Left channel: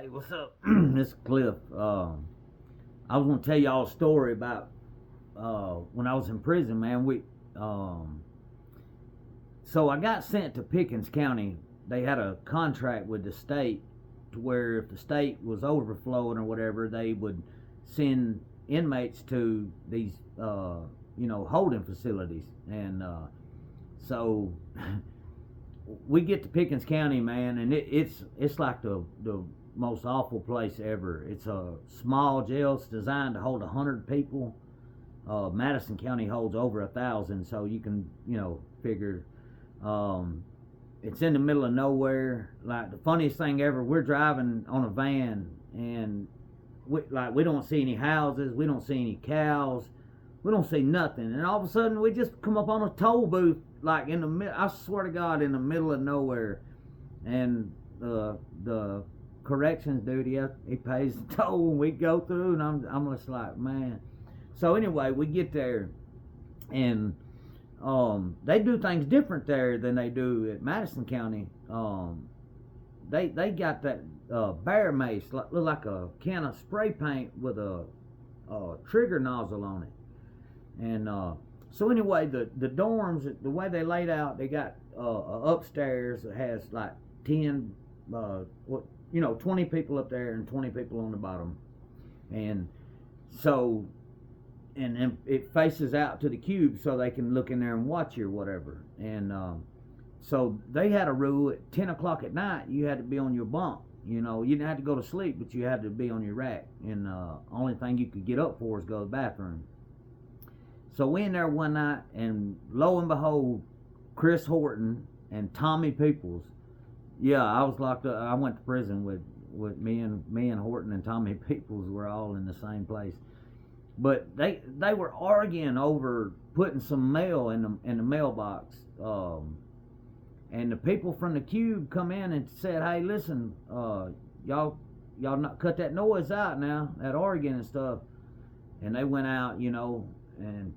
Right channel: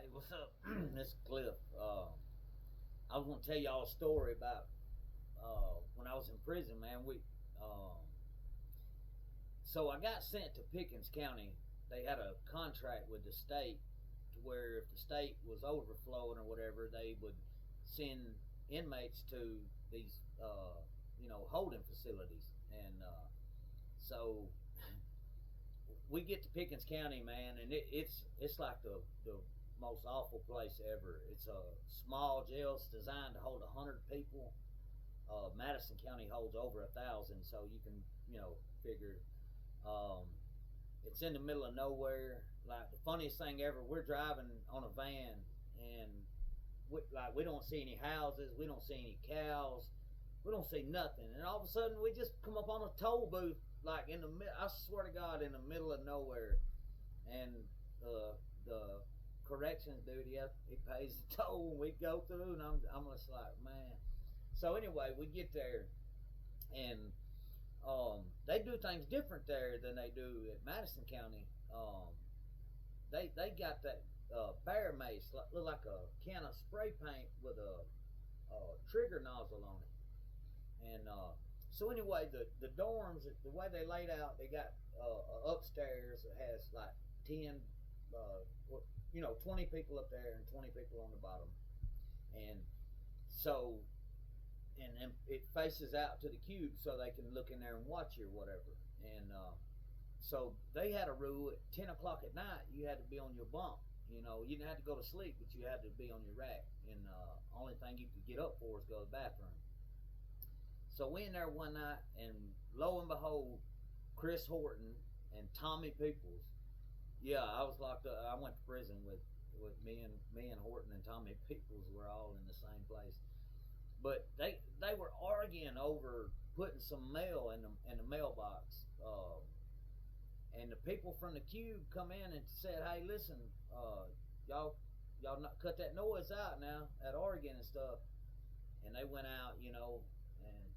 Hey, what's up? This is Cliff. I was gonna tell y'all a story about when I was in prison, man. Um, so I got sent to Pickens County. They had a contract with the state to where if the state was overflowing or whatever, they would send inmates to these holding facilities. And so we get to Pickens County, man, and it's like the most awful place ever. It's a small jail. It's designed to hold 100 people. Madison County holds over 1,000, so you can figure. It's in the middle of nowhere. Like the funniest thing ever, we're driving on a van and we don't see any houses, we don't see any cows, we don't see nothing, and all of a sudden we just come up on a toll booth like in the middle. I swear to God, in the middle of nowhere, and the corrections dude, he pays the toll and we go through, and I'm just like, man. So anyway, we get there, and they do things different there than they do at Madison County. They got that bear mace, look like a can of spray paint with a trigger nozzle on it. And so anyway, the dorms, the way they laid out, they got upstairs that has like 10 20 people up there and 20 people on the bottom. And so and it faces out to the cube so they can look in there and watch you or whatever. And so they had a rule at 10 o'clock at night, you had to be on your bunk. You didn't have to go to sleep, but you had to be on your rack. And only thing you could get up for is go to the bathroom. So we in there one night, and lo and behold, Chris Horton and Tommy Peoples. Yeah, I was locked up. I went to prison with me and Horton and Tommy Peoples were all in the same place. But they were arguing over putting some mail in the mailbox. And the people from the cube come in and said, "Hey, listen, y'all not cut that noise out now, that arguing and stuff." And they went out, and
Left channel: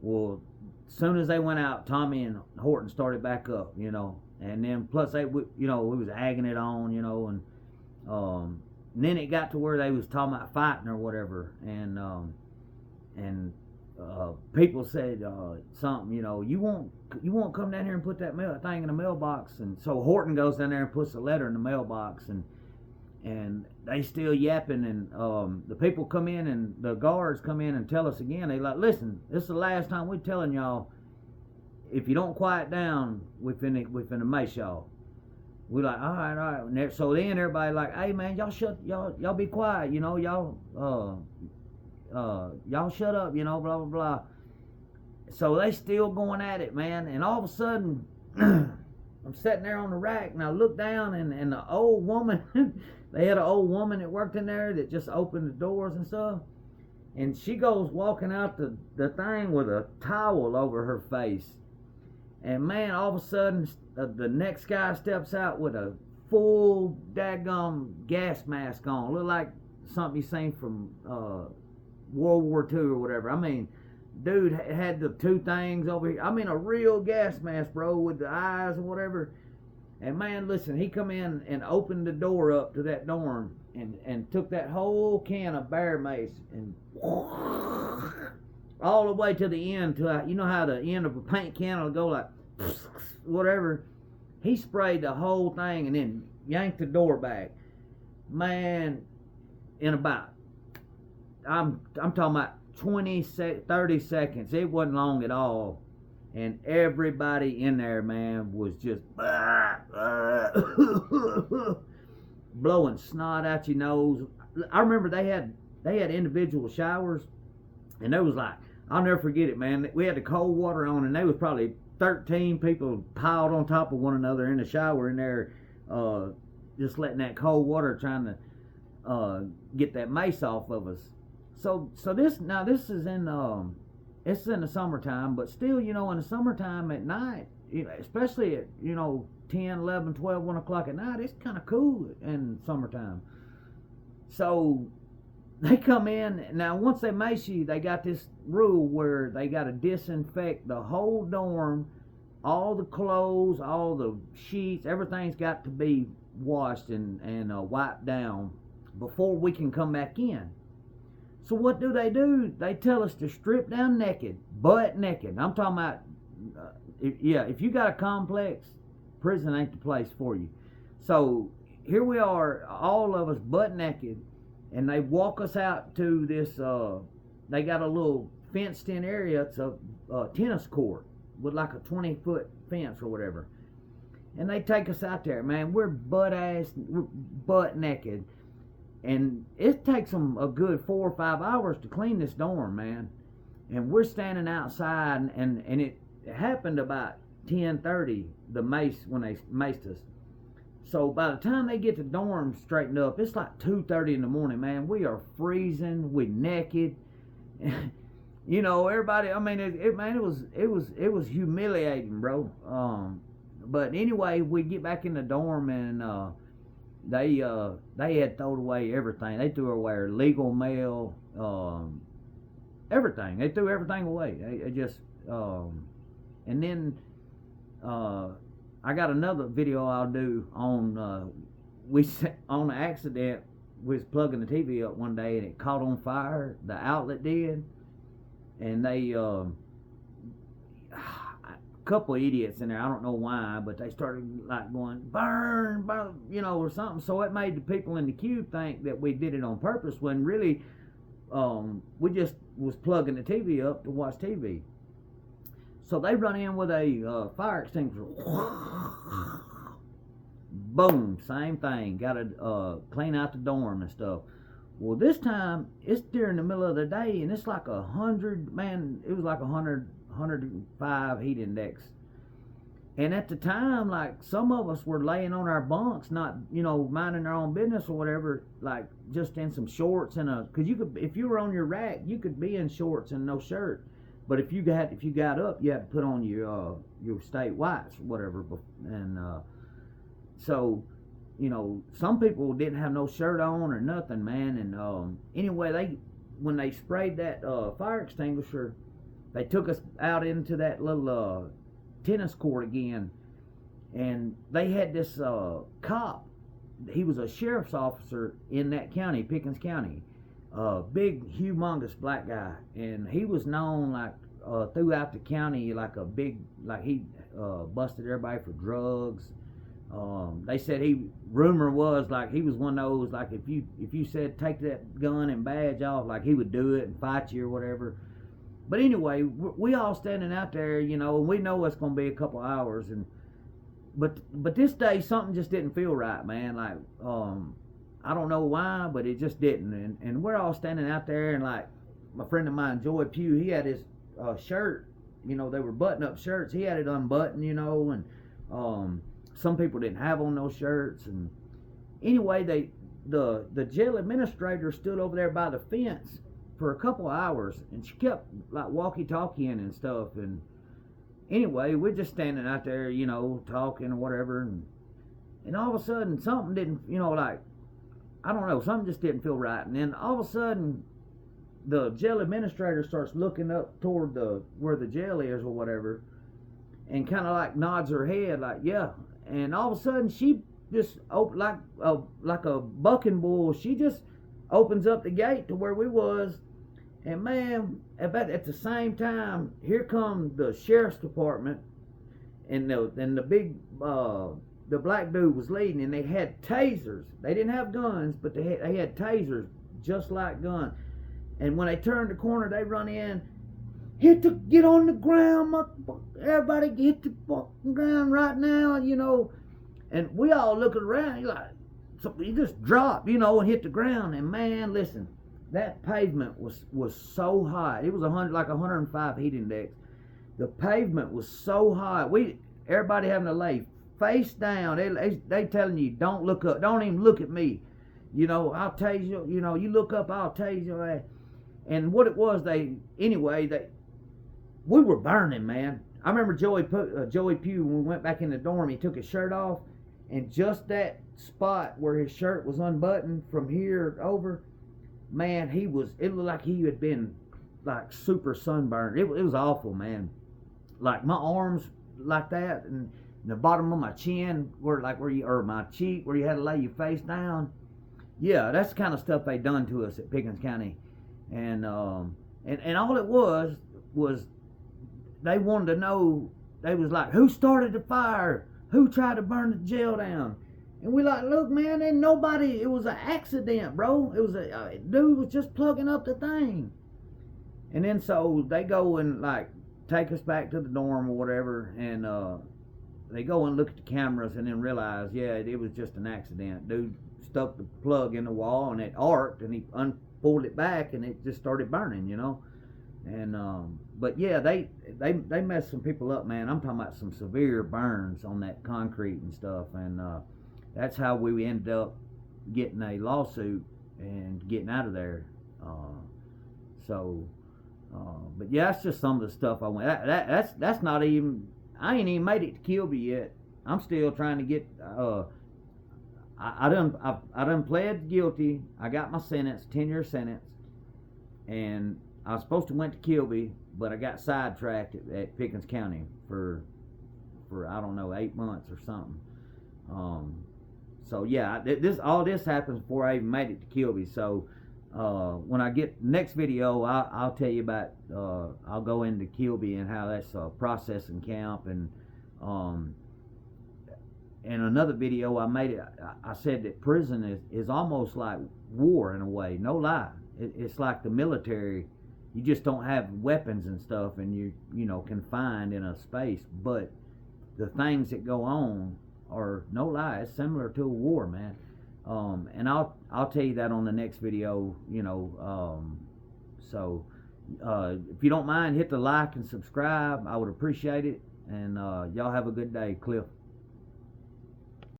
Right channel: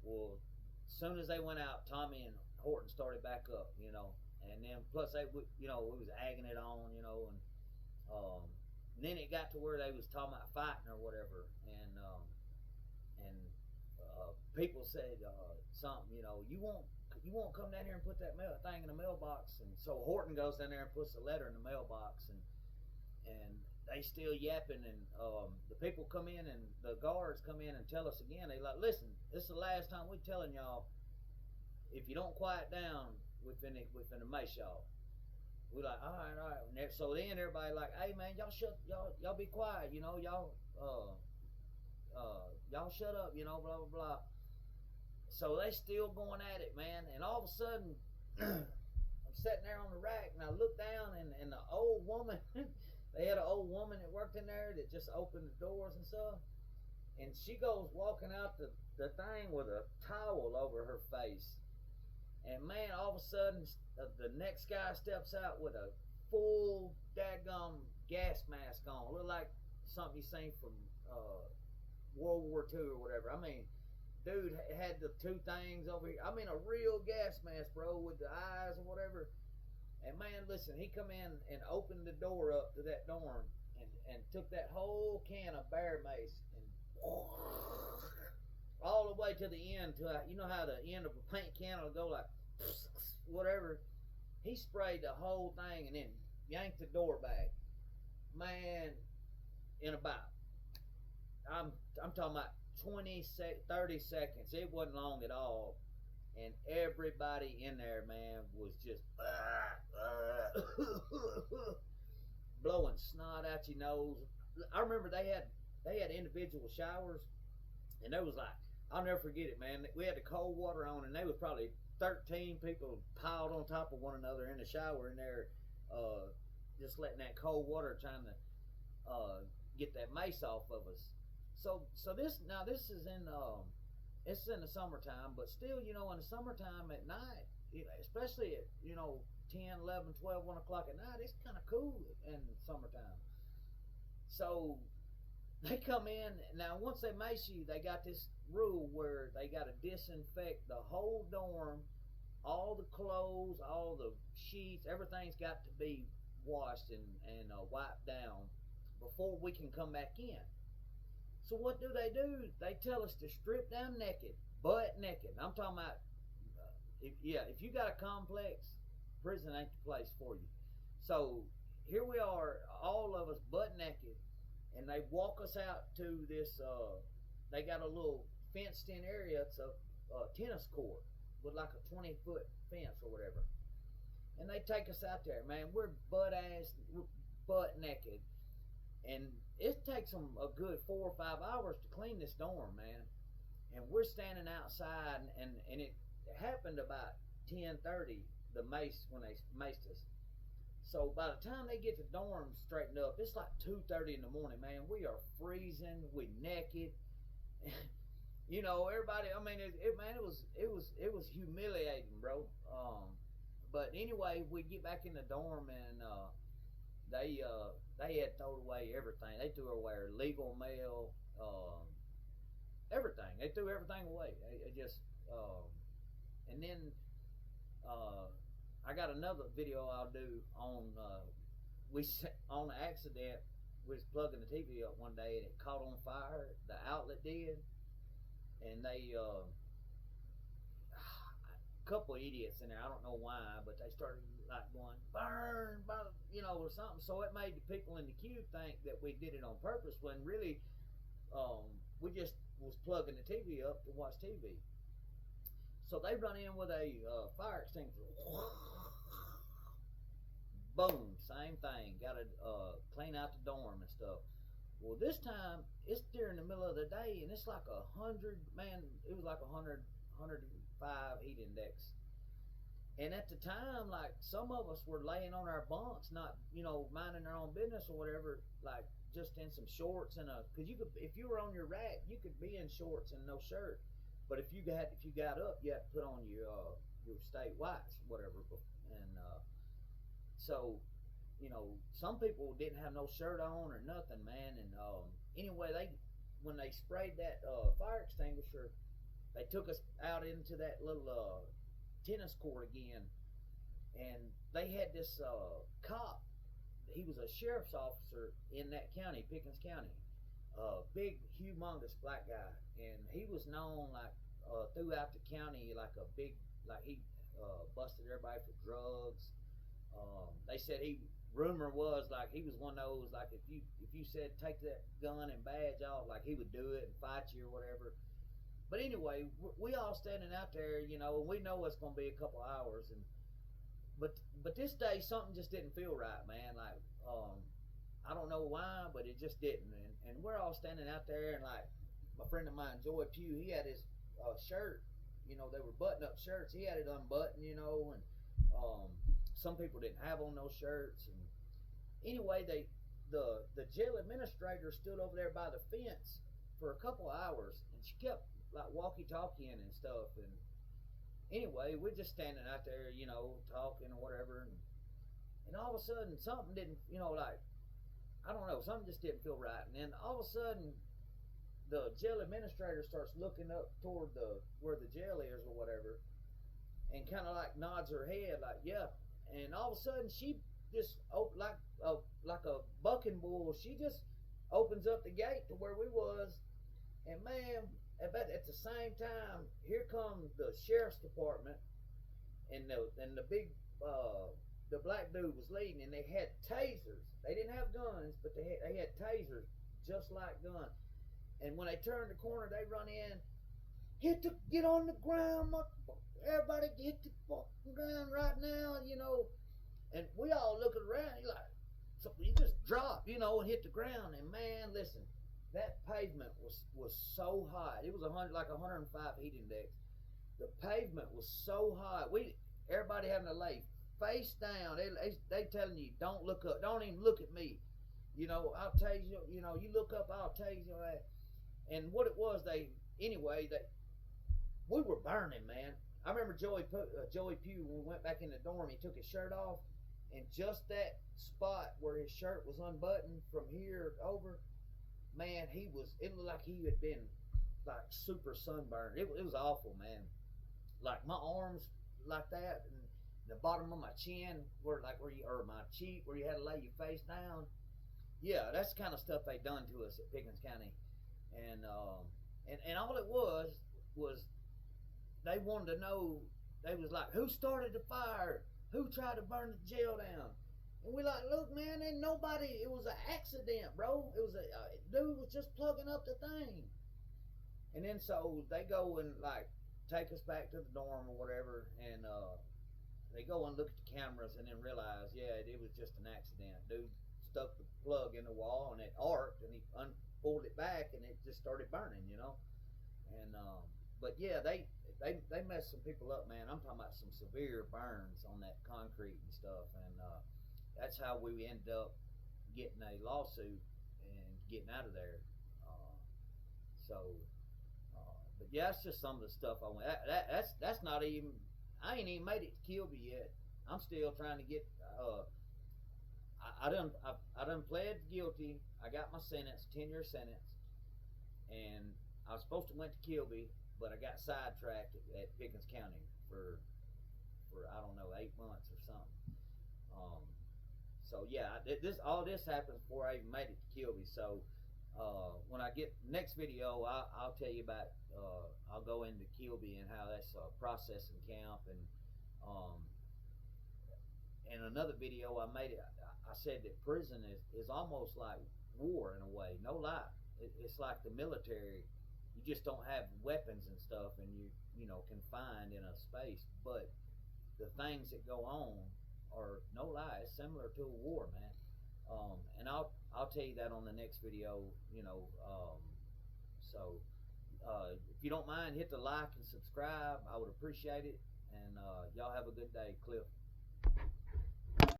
well, as soon as they went out, Tommy and Horton started back up, and then plus we was agging it on, and then it got to where they was talking about fighting or whatever, and people said something, you won't come down here and put that thing in the mailbox. And so Horton goes down there and puts a letter in the mailbox, and they still yapping, and the people come in, and the guards come in and tell us again. They like, "Listen, this is the last time we're telling y'all. If you don't quiet down, we finna mace y'all." We like, all right. And so then everybody like, "Hey man, y'all be quiet, y'all shut up, blah blah blah." So they still going at it, man. And all of a sudden, I'm sitting there on the rack, and I look down, and the old woman, they had an old woman that worked in there that just opened the doors and stuff, and she goes walking out the thing with a towel over her face. And man, all of a sudden, the next guy steps out with a full daggum gas mask on. Look like something you seen from World War II or whatever. I mean, dude had the two things over here. I mean, a real gas mask, bro, with the eyes and whatever. And man, listen, he come in and opened the door up to that dorm and took that whole can of bear mace and all the way to the end, to how the end of a paint can will go like whatever. He sprayed the whole thing and then yanked the door back. Man, in about, I'm talking about 30 seconds. It wasn't long at all. And everybody in there, man, was just blowing snot out your nose. I remember they had individual showers, and there was like, I'll never forget it, man. We had the cold water on, and there was probably 13 people piled on top of one another in the shower in there, just letting that cold water, trying to get that mace off of us. So this is in it's in the summertime, but still, in the summertime at night, especially at 10, 11, 12, 1 o'clock at night, it's kind of cool in summertime. So they come in. Now once they mace you, they got this rule where they got to disinfect the whole dorm, all the clothes, all the sheets, everything's got to be washed and wiped down before we can come back in. So what do? They tell us to strip down naked, butt naked. I'm talking about, if you got a complex, prison ain't the place for you. So here we are, all of us butt naked, and they walk us out to this, they got a little fenced in area. It's a tennis court with like a 20-foot fence or whatever. And they take us out there, man. We're butt naked. And it takes them a good 4 or 5 hours to clean this dorm, man. And we're standing outside, and it happened about 10:30, when they maced us. So by the time they get the dorm straightened up, it's like 2:30 in the morning, man. We are freezing, we naked. You know, everybody, I mean, it was humiliating, bro. But anyway, we get back in the dorm, and they had thrown away everything. They threw away our legal mail, everything. They threw everything away. They just, and then I got another video I'll do on on an accident. We was plugging the TV up one day and it caught on fire. The outlet did, and they a couple of idiots in there. I don't know why, but they started like going burn, burn, you know, or something. So it made the people in the cube think that we did it on purpose, when really we just was plugging the TV up to watch TV. So they run in with a fire extinguisher. Boom, same thing. Got to clean out the dorm and stuff. Well, this time it's during the middle of the day, and it's like 100, man. It was like 105 heat index. And at the time, like, some of us were laying on our bunks, not, you know, minding our own business or whatever, like just in some shorts and because you could, if you were on your rack, you could be in shorts and no shirt. But if you got up, you had to put on your state whites or whatever. And so, you know, some people didn't have no shirt on or nothing, man. And anyway, when they sprayed that fire extinguisher, they took us out into that little tennis court again, and they had this cop. He was a sheriff's officer in that county, Pickens County. Big, humongous black guy, and he was known like throughout the county like a big, like he busted everybody for drugs. They said rumor was like he was one of those, like if you said take that gun and badge off, like he would do it and fight you or whatever. But anyway, we all standing out there, you know, and we know it's gonna be a couple hours, and but this day something just didn't feel right, man. Like I don't know why, but it just didn't. And we're all standing out there, and like my friend of mine, Joy Pugh, he had his shirt, you know, they were button-up shirts. He had it unbuttoned, you know, and some people didn't have on those shirts. And anyway, the jail administrator stood over there by the fence for a couple of hours, and she kept like walkie-talkieing and stuff. And anyway, we're just standing out there, you know, talking or whatever, and all of a sudden something didn't, you know, like, I don't know, something just didn't feel right. And then all of a sudden the jail administrator starts looking up toward where the jail is or whatever, and kind of like nods her head like, yeah. And all of a sudden she just like a bucking bull, she just opens up the gate to where we was. And man, at the same time, here come the sheriff's department, and the big the black dude was leading, and they had tasers. They didn't have guns, but they had tasers just like guns. And when they turned the corner, they run in, get on the ground, everybody hit the fucking ground right now, you know. And we all looking around, he just dropped, you know, and hit the ground. And man, listen, that pavement was so hot. It was 105 heat index. The pavement was so hot. Everybody having to lay face down. They telling you, don't look up, don't even look at me. You know, I'll tase you. You know, you look up, I'll tase you. And what it was, we were burning, man. I remember Joey Pugh, when we went back in the dorm, he took his shirt off, and just that spot where his shirt was unbuttoned from here over, man, it looked like he had been like super sunburned. It was awful, man. Like my arms like that, and the bottom of my chin, where you, or my cheek, where you had to lay your face down. Yeah, that's the kind of stuff they done to us at Pickens County, and all it was they wanted to know. They was like, who started the fire? Who tried to burn the jail down? And we like, look, man, ain't nobody. It was an accident, bro. It was a dude was just plugging up the thing. And then so they go and like take us back to the dorm or whatever, and they go and look at the cameras and then realize, yeah, it was just an accident. Dude stuck the plug in the wall and it arced, and he pulled it back and it just started burning, you know. And but yeah, they messed some people up, man. I'm talking about some severe burns on that concrete and stuff, and that's how we ended up getting a lawsuit and getting out of there. But yeah, that's just some of the stuff I went. That's not even. I ain't even made it to Kilby yet. I'm still trying to get. I done pled guilty. I got my sentence, 10-year sentence, and I was supposed to went to Kilby, but I got sidetracked at Pickens County for I don't know, 8 months or something. So yeah, all this happens before I even made it to Kilby. So when I get next video, I'll tell you about. I'll go into Kilby and how that's a processing camp, and in another video I made it. I said that prison is almost like war in a way. No lie, it's like the military. You just don't have weapons and stuff, and you know confined in a space. But the things that go on are, no lie, it's similar to a war, man. And I'll tell you that on the next video, you know. So if you don't mind, hit the like and subscribe. I would appreciate it. And y'all have a good day. Cliff.